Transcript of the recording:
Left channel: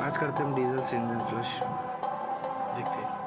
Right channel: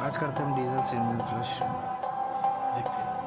आज करते हैं हम डीजल से इंजन फ्लश। देखते हैं।